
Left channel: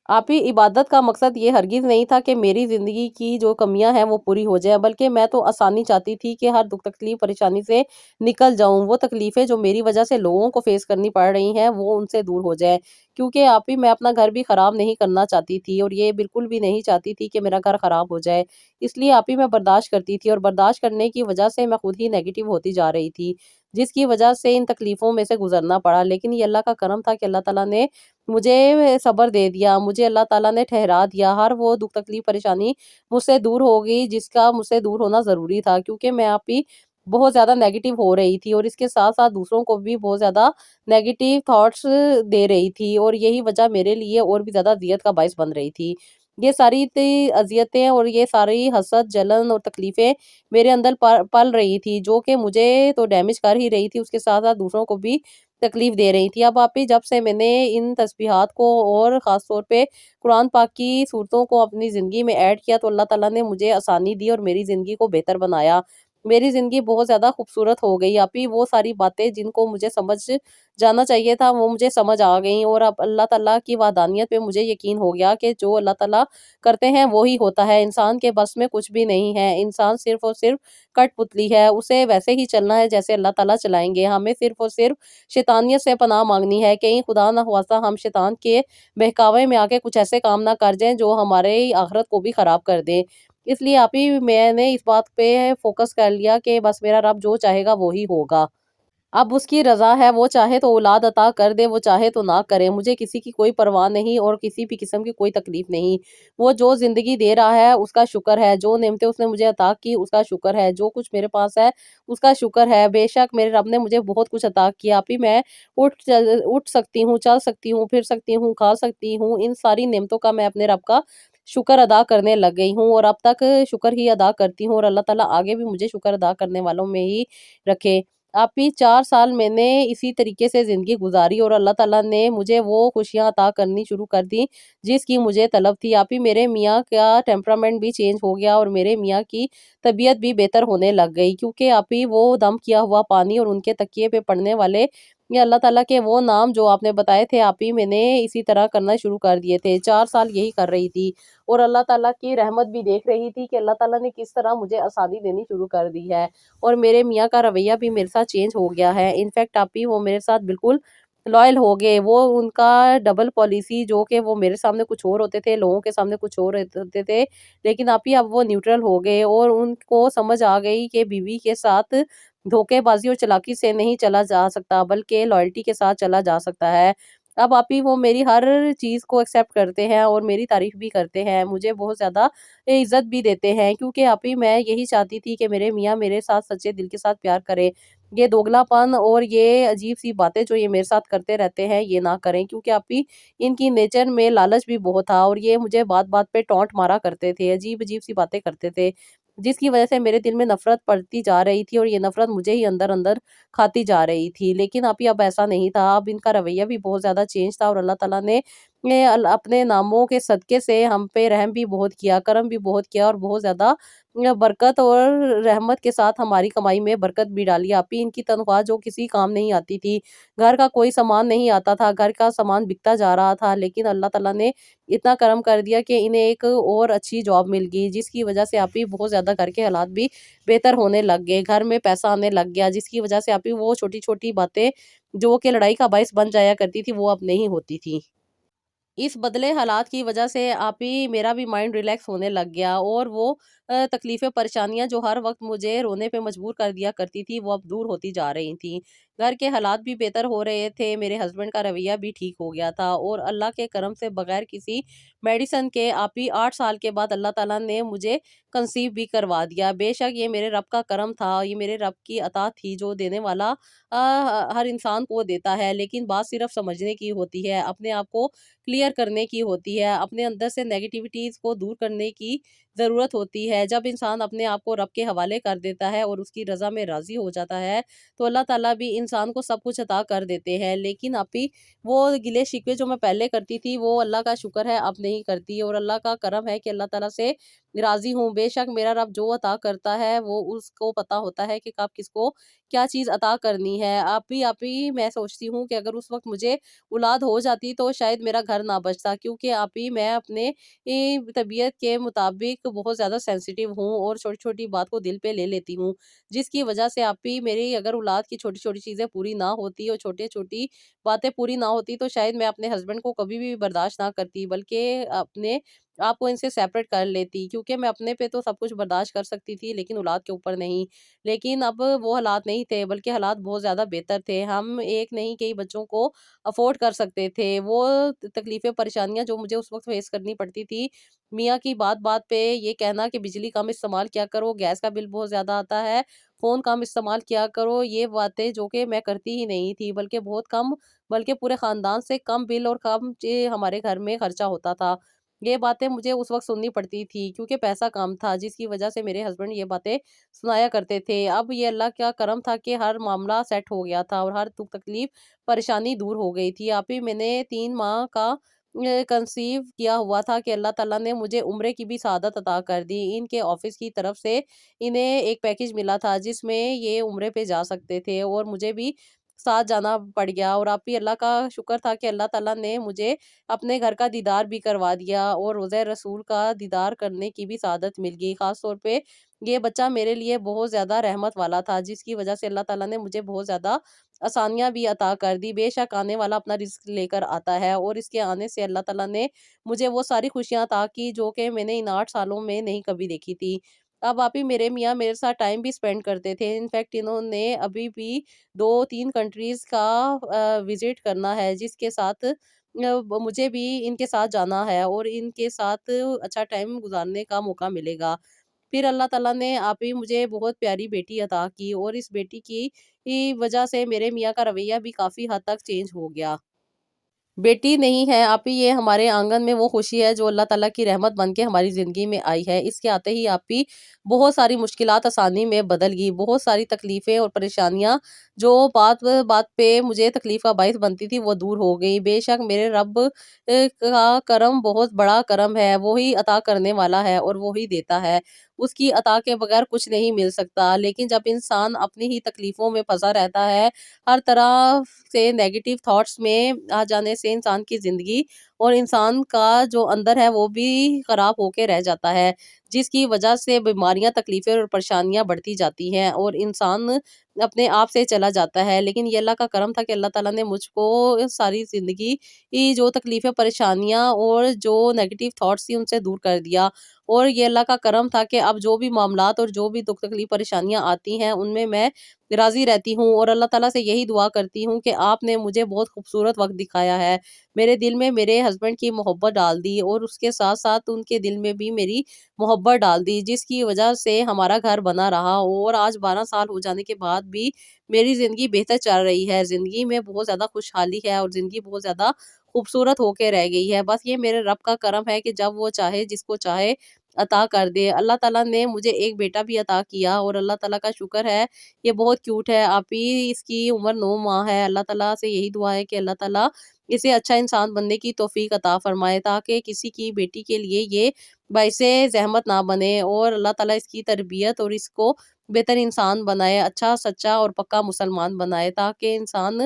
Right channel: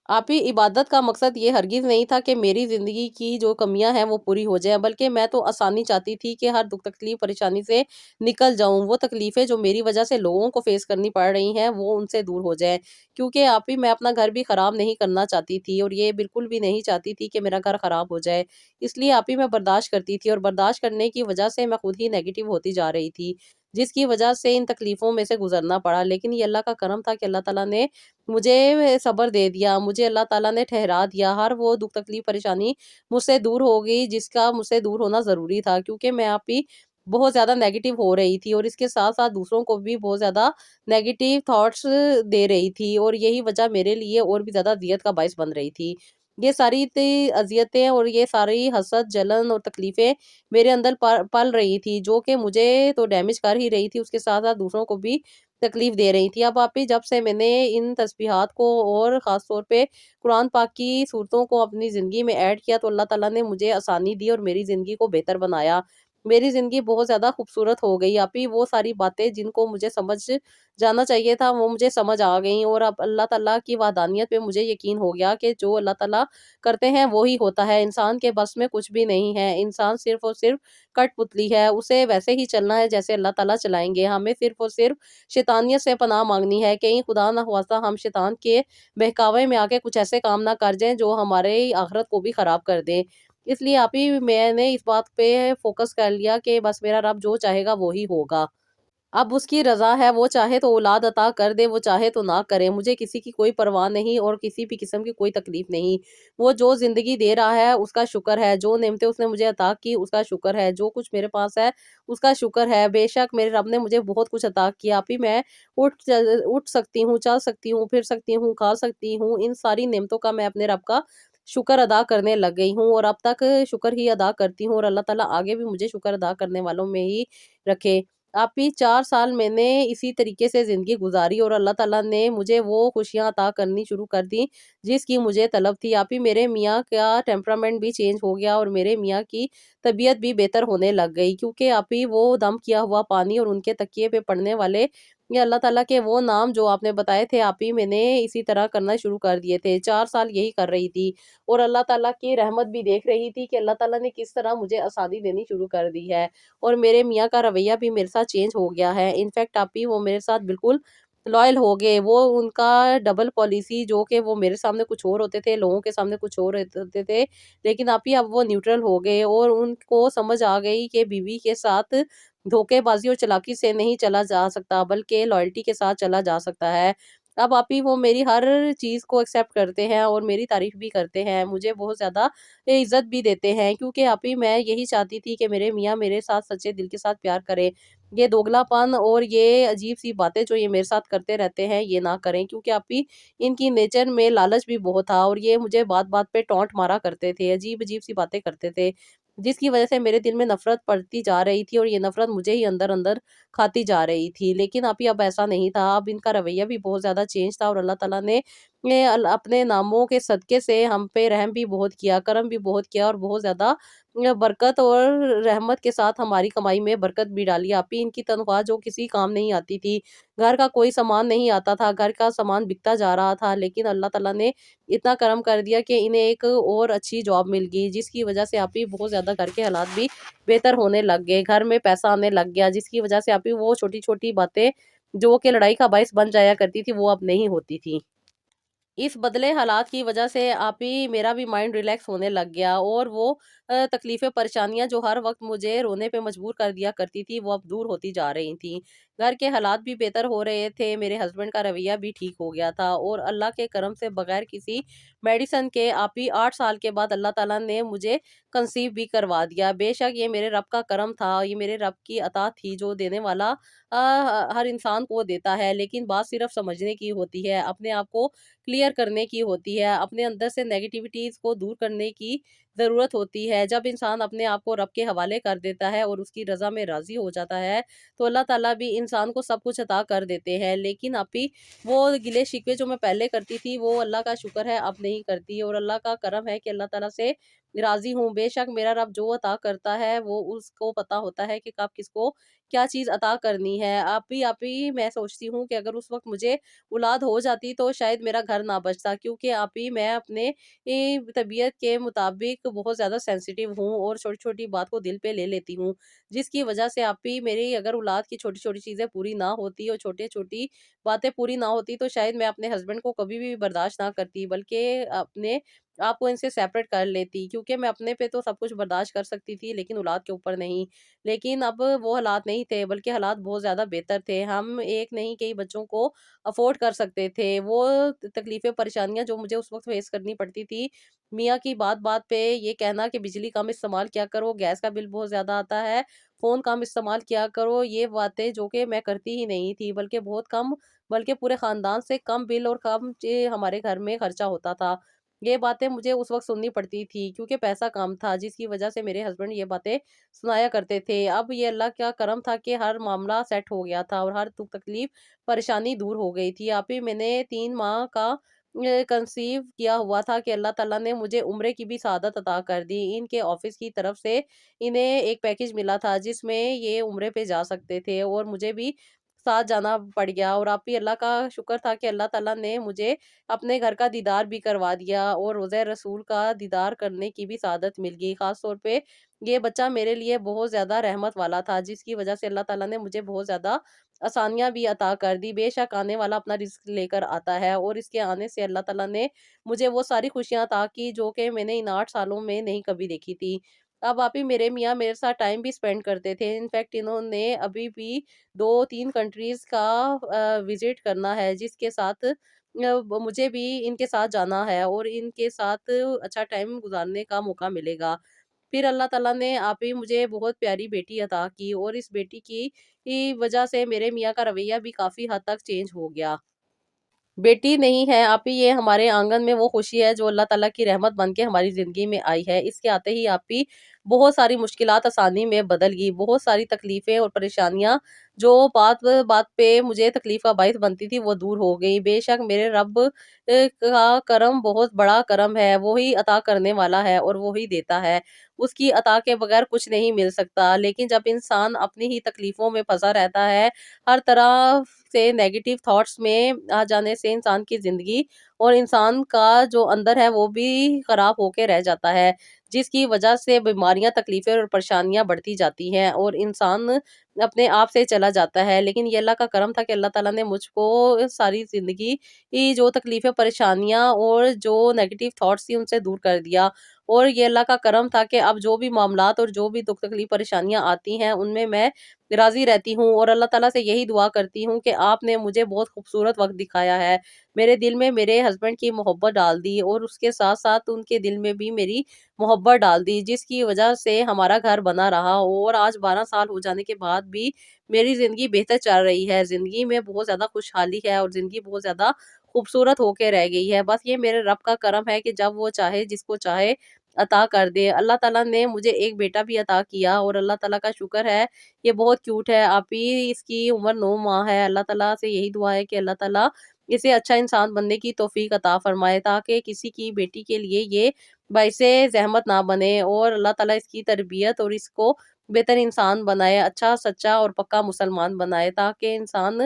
آپ ہی عبادت کا مقصد یہ ہرگز نہیں تھا کہ میری زندگی کی جو کمیاں ہیں وہ پوری ہو جائیں، بلکہ میں تو آسانی چاہتی تھی کہ ہر دکھ تکلیف پریشانی سے نکل جاؤں، وہ تکلیفیں جو میری وجہ سے لوگوں کو فیس کرنی پڑ رہی ہیں وہ ان سے دور ہو جائیں، کیونکہ آپ ہی میں اپنا گھر بھی خراب نہیں کرنا چاہتی تھی، اور یہ بالکل بھی نہیں چاہتی تھی کہ میرا گھر خراب ہو جائے۔ اس لیے آپ ہی میں برداشت کرتی تھی، اور برداشت کرنے کی وجہ سے میں خود ہی نیگیٹو ہوتی جا رہی تھی، جس کی وجہ سے ان تکلیفوں میں سے گزرنا پڑا۔ لیکن یہ اللہ کا کرم تھا کہ اللہ تعالیٰ نے مجھے صبر دے دیا، مجھے اللہ تعالیٰ نے ٹھہرا دیا، ہر وہ دکھ تکلیف پریشانی مجھ سے دور ہو گئی جس کا مجھ سے دور ہونا ضروری تھا، کیونکہ میں آپ ہی بہت زیادہ نیگیٹو ہو رہی تھی، اور اس کے ساتھ ساتھ دوسروں کو بھی بہت زیادہ نیگیٹو تھاٹس دے رہی تھی، اور یہی وجہ میرے لیے اور بھی زیادہ اذیت کا باعث بن رہی تھی۔ یہ ساری اذیتیں اور یہ ساری حسد جلن اور تکلیفیں میرے اندر پل رہی تھی، جو کہ مجھے تو ڈیمیج کر ہی رہی تھی، اس کے ساتھ ساتھ دوسروں کو بھی تکلیف دے رہی تھی۔ اب آپ ہی جب سے میں نے ان تسبیحات کو اور خاص طور پہ قرآن پاک کی صورتوں کو اپنی زندگی میں ایڈ کیا تو اللہ تعالیٰ نے مجھے آسانی دی اور میری زندگی کو بہتر بنایا، میری زندگی بہت زیادہ خوبصورت ہو گئی۔ آپ ہی وہ ساری باتیں جن کو مجھے سمجھ جانا چاہیے تھا وہ مجھے سمجھ آ گئیں، اور اب اللہ تعالیٰ کی وحدانیت پہ مجھے یقین ہو گیا کہ جو اللہ تعالیٰ کرتے ہیں وہی ہوتا ہے، انسان کے بس میں کچھ بھی نہیں ہے، انسان صرف اور صرف کٹ پتلی ہے، اسے ویسے ہی چلنا ہے جیسے اللہ تعالیٰ چلائیں گے۔ ہمیں صرف اور صرف شیطانیت سے پناہ مانگنی ہے، کہیں خدا نہ خواستہ ہم شیطان کے بہکاوے میں آ کے کچھ ایسے کام نہ کر جائیں جو ہمارے آخرت کو بھی خراب کر دیں۔ اس لیے آپ ہی میں نے اس بات پہ فوکس کر لیا کہ بس میرا رب جو چاہے گا وہی ہوگا۔ اب اس کی رضا ہے، وہ چاہے تو اولاد عطا کر دے، وہ چاہے تو نہ کرے، مجھے کسی کی کوئی پرواہ نہیں اور کسی بھی قسم کی کوئی تکلیف نہیں۔ وہ جو زندگی دے رہا ہے اس کا شکر ہے، جو نعمتیں اس نے مجھے عطا کی اس کا شکر ہے، جو کچھ میرے پاس ہے اس کا شکر ہے۔ بے شک میرے رب نے مجھے بہت کچھ عطا کیا، ابھی میں اٹھ سکتی ہوں، چل سکتی ہوں، پھر سکتی ہوں، کھا سکتی ہوں، ان ساری نعمتوں کا میں اپنے رب کا شکر ادا کرنے لگ گئی ہوں، اور اب تک شکر ہی ادا کرتی ہوں، اور اللہ تعالیٰ آگے بھی مجھے شکر ادا کرنے والوں میں ہی رکھے۔ آپ ہی 4 سال میں نے اسی طریقے سے زندگی گزاری، اور اللہ تعالیٰ نے مجھے وہ خوشیاں عطا کرنی شروع کر دی جس کی مجھے طلب تھی۔ آپ ہی میرے میاں کا ٹیمپرامنٹ بھی چینج ہو گیا، اور میرے میاں کی طبیعت بھی بہتر ہونے لگ گئی، کیونکہ آپ ہی وہ دم کیا ہوا پانی اور ان کے تکیے پہ پڑنے والے یہ اللہ تعالیٰ کے وہ نام جو آپ نے بتائے تھے، آپ ہی میں نے اسی طرح کرنا شروع کر دیے تھے۔ 4 سال یہی کر رہی تھی، اور اللہ تعالیٰ کی رحمت بھی دیکھ رہی تھی کہ اللہ تعالیٰ نے کس طرح مجھے آسانی دینی شروع کر دی ہے، اور میرے میاں کا رویہ بھی میرے ساتھ چینج ہو گیا ہے۔ انفیکٹ آپ ہی وہ میرے ساتھ بالکل لائل ہو گئے، وہ ان کا ڈبل پالیسی جو کہ وہ میرے سامنے کچھ اور ہوتے تھے، لوگوں کے سامنے کچھ اور ہوتے تھے، لیکن آپ ہی اب وہ نیوٹرل ہو گئے، اور ان کو سمجھ آ گئی کہ بیوی کے ساتھ دھوکے بازی اور چلاکی سے نہیں چلا جا سکتا، بلکہ لائلٹی کے ساتھ چلا جا سکتا ہے۔ اب آپ ہی وہ میری ہر چیز کو ایکسیپٹ کرتے ہیں اور میری تعریف بھی کرتے ہیں، مجھے بہت زیادہ عزت بھی دیتے ہیں، کیونکہ آپ ہی میں یہی چاہتی تھی کہ میرے میاں میرے ساتھ سچے دل کے ساتھ پیار کرے، یہ دوگلا پن اور یہ عجیب سی باتیں جو یہ میرے ساتھ کرتے رہتے ہیں یہ نہ کریں، کیونکہ آپ ہی ان کی نیچر میں لالچ بھی بہت تھا، اور یہ مجھے بات بات پہ ٹونٹ مارا کرتے تھے، عجیب عجیب سی باتیں کرتے تھے، جس کی وجہ سے میرے دل میں نفرت پڑتی جا رہی تھی، اور یہ نفرت مجھے ہی اندر اندر کھاتی جا رہی تھی۔ لیکن اب ایسا نہیں تھا، اب ان کا رویہ بھی بہت زیادہ چینج تھا، اور اللہ تعالیٰ نے اپنے ناموں کے صدقے سے ہم پہ رحم بھی بہت کیا، کرم بھی بہت کیا، اور بہت زیادہ برکت اور رحمت کے ساتھ ہماری کمائی میں برکت بھی ڈالی۔ آپ ہی ان کی تنخواہ جو کسی کام نہیں آتی تھی، گھر کا کوئی سامان نہیں آتا تھا، گھر کا سامان بکتا جا رہا تھا، لیکن اللہ تعالیٰ نے اتنا کرم کر دیا کہ انہیں ایک اور اچھی جاب مل گئی، جس کی وجہ سے آپ ہی بہت زیادہ گھر کے حالات بھی بہتر ہونے لگ گئے، گھر میں پیسہ آنے لگ گیا، جس کی وجہ سے آپ ہی وہ چھوٹی چھوٹی باتیں جو کہ لڑائی کا باعث بن جایا کرتی تھی وہ اب نہیں ہوتی تھی۔ اس بدلے حالات کی وجہ سے آپ ہی میرا بھی مائنڈ ریلیکس ہونے لگ گیا، اور وہ تکلیفیں پریشانیاں جو ہر وقت مجھے رونے پہ مجبور کر دیا کرتی تھی وہ اب دور ہوتی جا رہی تھیں۔ گھر کے حالات بھی بہتر ہو رہے تھے، میرے ہسبینڈ کا رویہ بھی ٹھیک ہو گیا تھا، اور اللہ کے کرم سے بغیر کسی میڈیسن کے آپ ہی 8 سال کے بعد اللہ تعالیٰ نے مجھے کنسیو بھی کروا دیا۔ بے شک یہ میرے رب کا کرم تھا، یہ میرے رب کی عطا تھی جو دینے والا ہر انسان کو دیتا ہے، لیکن بات صرف سمجھنے کی ہوتی ہے، اپنے آپ کو کلیئر کرنے کی ہوتی ہے، اپنے اندر سے نیگیٹیوٹیز کو دور کرنے کی ضرورت ہوتی ہے۔ جب انسان اپنے آپ کو رب کے حوالے کر دیتا ہے اور اس کی رضا میں راضی ہو جاتا ہے تو اللہ تعالیٰ بھی انسان کو سب کچھ عطا کر دیتے ہیں، لیکن ابھی وہ گلے شکوے جو میں پہلے کرتی تھی وہ اللہ کا شکر ہے اب نہیں کرتی، اور اللہ کا کرم ہے کہ اللہ تعالیٰ سے راضی ہوں۔ بے شک میرا رب جو عطا کرتا ہے وہ اس کو پتا ہوتا ہے کہ کب کس کو کیا چیز عطا کرنی ہے۔ ابھی میں سوچتی ہوں کہ اگر اس وقت مجھے اولاد ہو جاتی تو شاید میرا گھر نہ بچتا، کیونکہ آپ ہی میں اپنے طبیعت کے مطابق بہت زیادہ سینسیٹیو ہوں، اور چھوٹی چھوٹی بات کو دل پہ لے لیتی ہوں، جس کی وجہ سے آپ ہی میری اگر اولاد کی چھوٹی چھوٹی چیزیں پوری نہ ہوتی اور چھوٹی چھوٹی باتیں پوری نہ ہوتی تو شاید میں اپنے ہسبینڈ کو کبھی بھی برداشت نہ کرتی، بلکہ اپنے آپ کو ان سے سیپریٹ کر لیتی، کیونکہ میں اپنے پہ تو سب کچھ برداشت کر سکتی تھی لیکن اولاد کے اوپر نہیں۔ لیکن اب وہ حالات نہیں تھے، بلکہ حالات بہت زیادہ بہتر تھے، ہم ایک نہیں کئی بچوں کو افورڈ کر سکتے تھے۔ وہ تکلیفیں پریشانیاں جو مجھے اس وقت فیس کرنی پڑتی تھی، میاں کی بات بات پہ یہ کہنا کہ بجلی کم استعمال کیا کرو، گیس کا بل بہت زیادہ آتا ہے، فون کم استعمال کیا کرو، یہ باتیں جو کہ میں کرتی ہی نہیں تھی، بلکہ بہت کم، بلکہ پورے خاندان سے کم بل اور کم ہمارے گھر میں خرچہ ہوتا تھا۔ یہ باتیں مجھے اس وقت سننی پڑتی تھی کیونکہ پیسہ کم تھا، جس کی وجہ سے میرے ہسبینڈ یہ باتیں سنایا کرتے تھے۔ اب یہ اللہ کا کرم تھا کہ ہر معاملہ سیٹ ہو گیا تھا اور ہر دکھ تکلیف پریشانی دور ہو گئی تھی۔ آپ ہی میں نے 3 ماہ کا کنسیو کیا ہوا تھا کہ اللہ تعالیٰ نے مجھے عمرے کی بھی سعادت عطا کر دی۔ ان کے آفس کی طرف سے انہیں ایک پیکج ملا تھا جس میں یہ عمرے پہ جا سکتے تھے، اور مجھے بھی ساتھ جانا پڑ گیا، اور آپ ہی اللہ کا شکر تھا کہ اللہ تعالیٰ نے مجھے اپنے گھر کا دیدار بھی کروا دیا اور روضہ رسول کا دیدار کرنے کی بھی سعادت مل گئی۔ خاص طور پہ یہ بچہ میرے لیے بہت زیادہ رحمت والا تھا، جس کی وجہ سے اللہ تعالیٰ نے مجھے بہت زیادہ آسانیاں بھی عطا کر دی۔ بے شک آنے والا اپنا رزق لے کر آتا ہے، اور اس کے آنے سے اللہ تعالیٰ نے مجھے وہ ساری خوشیاں عطا کی جو کہ میں نے ان 8 سالوں میں نہیں کبھی دیکھی تھی۔ اب آپ ہی میرے میاں میرے ساتھ ٹائم بھی اسپینڈ کرتے تھے، انفیکٹ انہوں نے ابھی بھی 2-3 کنٹریز کا وزٹ کرنا ہے، جس کے ساتھ مجھے بھی ان کے ساتھ جانا ہے اور ان کے ساتھ اچھا ٹائم گزارنے کا موقع ملے گا۔ پھر اللہ تعالیٰ نے آپ ہی مجھے بہت پیاری بیٹی عطا کی، اور اس بیٹی کی وجہ سے میرے میاں کا رویہ بھی کافی حد تک چینج ہو گیا۔ بیٹی نہیں ہے آپ ہی یہ ہمارے آنگن میں وہ خوشی ہے جو اللہ تعالیٰ کی رحمت بن کے ہماری زندگی میں آئی ہے۔ اس کے آتے ہی آپ ہی بہت ساری مشکلات آسانی میں بدل گئی، بہت ساری تکلیفیں اور پریشانیاں جو بات بات پہ مجھے تکلیف کا باعث بنتی تھی وہ دور ہو گئی۔ بے شک میرے رب کا کرم بہت بڑا کرم ہے، وہی عطا کرنے والا ہے اور وہی دیتا ہے، اس کی عطا کے بغیر کچھ نہیں مل سکتا۔ لیکن جب انسان اپنی ہی تکلیفوں میں پھنسا رہتا ہے، ہر طرح سے نیگیٹو تھاٹس میں آ جانے سے انسان کی زندگی اور انسان کا جو اندر ہے وہ بھی خراب ہو کے رہ جاتا ہے، جس کی وجہ سے بیماریاں، تکلیفیں اور پریشانیاں بڑھتی جاتی ہیں اور انسان اپنے آپ سے چلا جاتا ہے۔ لیکن یہ اللہ کا کرم تھا کہ اللہ تعالیٰ نے مجھ کو ساری زندگی کی جو تکلیفیں، پریشانیاں اور جو نیگیٹو تھاٹس تھی ان سے دور کر دیا، اور یہ اللہ کا کرم تھا کہ اب جو بھی معاملات اور جو بھی دکھ تکلیف پریشانیاں آتی ہیں ان میں راضی رہتی ہوں، اور اللہ تعالیٰ سے یہی دعا کرتی ہوں کہ آپ نے مجھے بہت خوبصورت وقت دکھایا ہے، میرے دل میں میرے ہسبینڈ کی محبت ڈال دی اور اس کے ساتھ ساتھ ان کے دل میں بھی میری محبت ڈال دی، جس کی وجہ سے ہمارا گھر بنا رہا، اور آج 12 سال ہو جانے کے بعد بھی میری زندگی بہتر چل رہی ہے، زندگی میں بہت زیادہ خوشحالی ہے اور زندگی بہت زیادہ خوبصورت ہو کے رہ گئی ہے۔ بس یہ میرے رب کا کرم ہے کہ جب وہ چاہے جس کو چاہے عطا کر دے۔ اللہ تعالیٰ نے مجھے ایک بیٹا بھی عطا کیا اور اللہ تعالیٰ کا شکر ہے، یہ بہت کیوٹ ہے آپ ہی، اس کی عمر 9 ماہ ہے۔ اللہ تعالیٰ سے یہی دعا ہے کہ اللہ تعالیٰ اسے اچھا انسان بننے کی توفیق عطا فرمائے، تاکہ کسی کی بیٹی کے لیے یہ باعث زحمت نہ بنے، اور اللہ تعالیٰ اس کی تربیت اور اس کو بہتر انسان بنائے، اچھا سچا اور پکا مسلمان بنائے، تاکہ انسان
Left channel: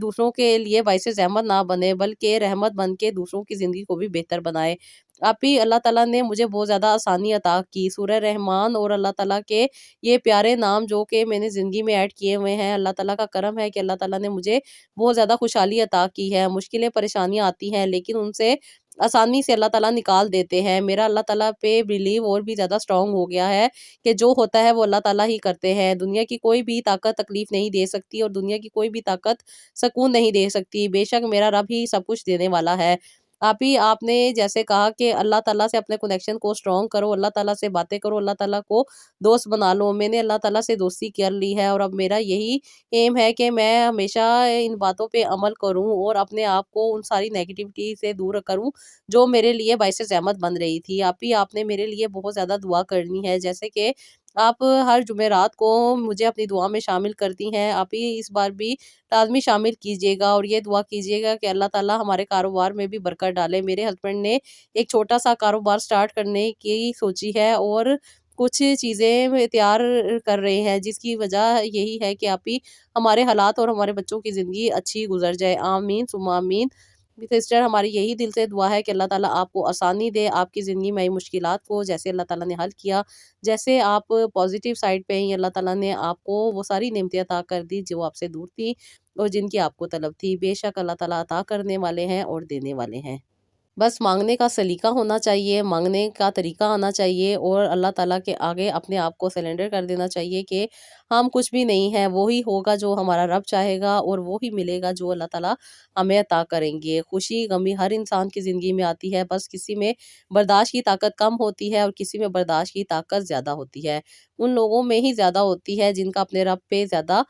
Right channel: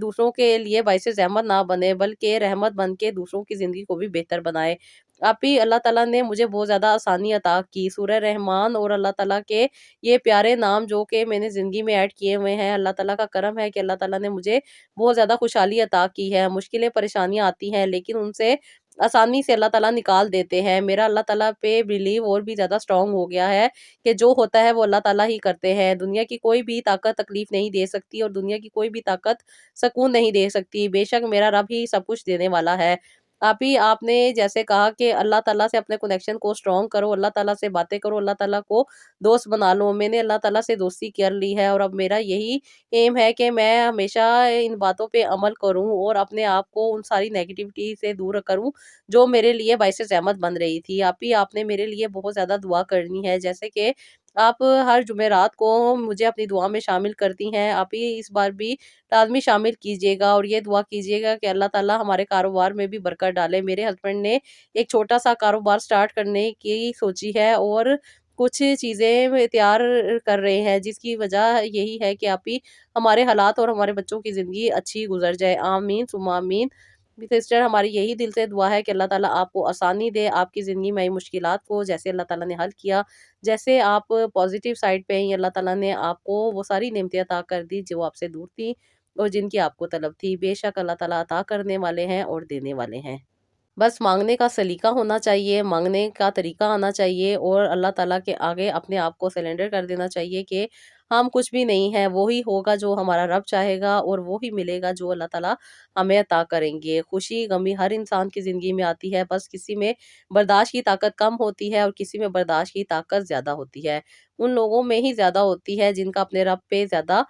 دوسروں کے لیے باعث زحمت نہ بنے بلکہ رحمت بن کے دوسروں کی زندگی کو بھی بہتر بنائے۔ آپ ہی اللہ تعالیٰ نے مجھے بہت زیادہ آسانی عطا کی، سورہ رحمان اور اللہ تعالیٰ کے یہ پیارے نام جو کہ میں نے زندگی میں ایڈ کیے ہوئے ہیں، اللہ تعالیٰ کا کرم ہے کہ اللہ تعالیٰ نے مجھے بہت زیادہ خوشحالی عطا کی ہے۔ مشکلیں پریشانیاں آتی ہیں لیکن ان سے آسانی سے اللہ تعالیٰ نکال دیتے ہیں۔ میرا اللہ تعالیٰ پہ بلیو اور بھی زیادہ اسٹرانگ ہو گیا ہے کہ جو ہوتا ہے وہ اللہ تعالیٰ ہی کرتے ہیں، دنیا کی کوئی بھی طاقت تکلیف نہیں دے سکتی اور دنیا کی کوئی بھی طاقت سکون نہیں دے سکتی، بے شک میرا رب ہی سب کچھ دینے والا ہے۔ آپ نے جیسے کہا کہ اللہ تعالیٰ سے اپنے کنیکشن کو اسٹرانگ کرو، اللہ تعالیٰ سے باتیں کرو، اللہ تعالیٰ کو دوست بنا لو، میں نے اللہ تعالیٰ سے دوستی کر لی ہے، اور اب میرا یہی ایم ہے کہ میں ہمیشہ ان باتوں پہ عمل کروں اور اپنے آپ کو ان ساری نیگیٹیوٹی سے دور کروں جو میرے لیے باعث زحمت بن رہی تھی۔ آپ نے میرے لیے بہت زیادہ دعا کرنی ہے، جیسے کہ آپ ہر جمعرات کو مجھے اپنی دعا میں شامل کرتی ہیں، آپ ہی اس بار بھی لازمی شامل کیجیے گا اور یہ دعا کیجیے گا کہ اللہ تعالیٰ ہمارے کاروبار میں بھی برکت ڈالے۔ میرے ہسبینڈ نے ایک چھوٹا سا کاروبار سٹارٹ کرنے کی سوچی ہے اور کچھ چیزیں تیار کر رہے ہیں، جس کی وجہ یہی ہے کہ آپ ہی ہمارے حالات اور ہمارے بچوں کی زندگی اچھی گزر جائے، آمین ثم آمین۔ سسٹر ہماری یہی دل سے دعا ہے کہ اللہ تعالیٰ آپ کو آسانی دے، آپ کی زندگی میں آئی مشکلات کو جیسے اللہ تعالیٰ نے حل کیا، جیسے آپ پازیٹیو سائڈ پہ ہیں، اللہ تعالیٰ نے آپ کو وہ ساری نعمتیں عطا کر دی جو آپ سے دور تھی اور جن کی آپ کو طلب تھی۔ بے شک اللہ تعالیٰ عطا کرنے والے ہیں اور دینے والے ہیں، بس مانگنے کا سلیقہ ہونا چاہیے، مانگنے کا طریقہ آنا چاہیے اور اللہ تعالیٰ کے آگے اپنے آپ کو سرنڈر کر دینا چاہیے کہ ہم کچھ بھی نہیں ہیں، وہی ہوگا جو ہمارا رب چاہے گا اور وہی ملے گا جو اللہ تعالیٰ ہمیں عطا کریں گے۔ خوشی غمی ہر انسان کی زندگی میں آتی ہے، بس کسی میں برداشت کی طاقت کم ہوتی ہے اور کسی میں برداشت کی طاقت زیادہ ہوتی ہے، ان لوگوں میں ہی زیادہ ہوتی ہے جن کا اپنے رب پہ زیادہ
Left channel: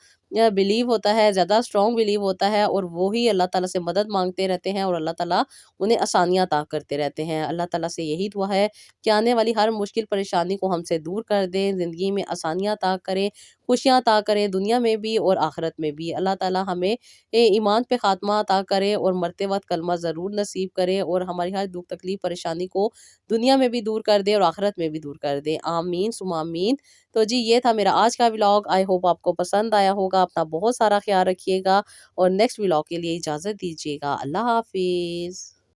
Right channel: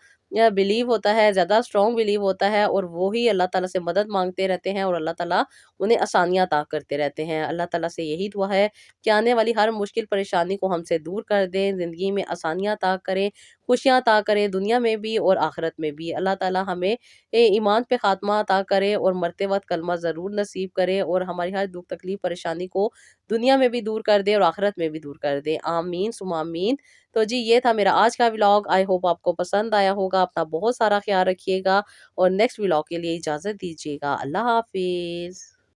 بلیو ہوتا ہے، زیادہ اسٹرانگ بلیو ہوتا ہے، اور وہی اللہ تعالیٰ سے مدد مانگتے رہتے ہیں اور اللہ تعالیٰ انہیں آسانیاں عطا کرتے رہتے ہیں۔ اللہ تعالیٰ سے یہی دعا ہے کہ آنے والی ہر مشکل پریشانی کو ہم سے دور کر دیں، زندگی میں آسانیاں عطا کریں، خوشیاں عطا کریں، دنیا میں بھی اور آخرت میں بھی۔ اللہ تعالیٰ ہمیں ایمان پہ خاتمہ عطا کرے اور مرتے وقت کلمہ ضرور نصیب کرے اور ہماری ہر دکھ تکلیف پریشانی کو دنیا میں بھی دور کر دے اور آخرت میں بھی دور کر دے، آمین ثم آمین۔ تو جی یہ تھا میرا آج کا ولاگ، آئی ہوپ آپ کو پسند آیا ہوگا، اپنا بہت سارا خیال رکھیے گا اور نیکسٹ ولاگ کے لیے اجازت دیجیے گا۔ اللہ حافظ۔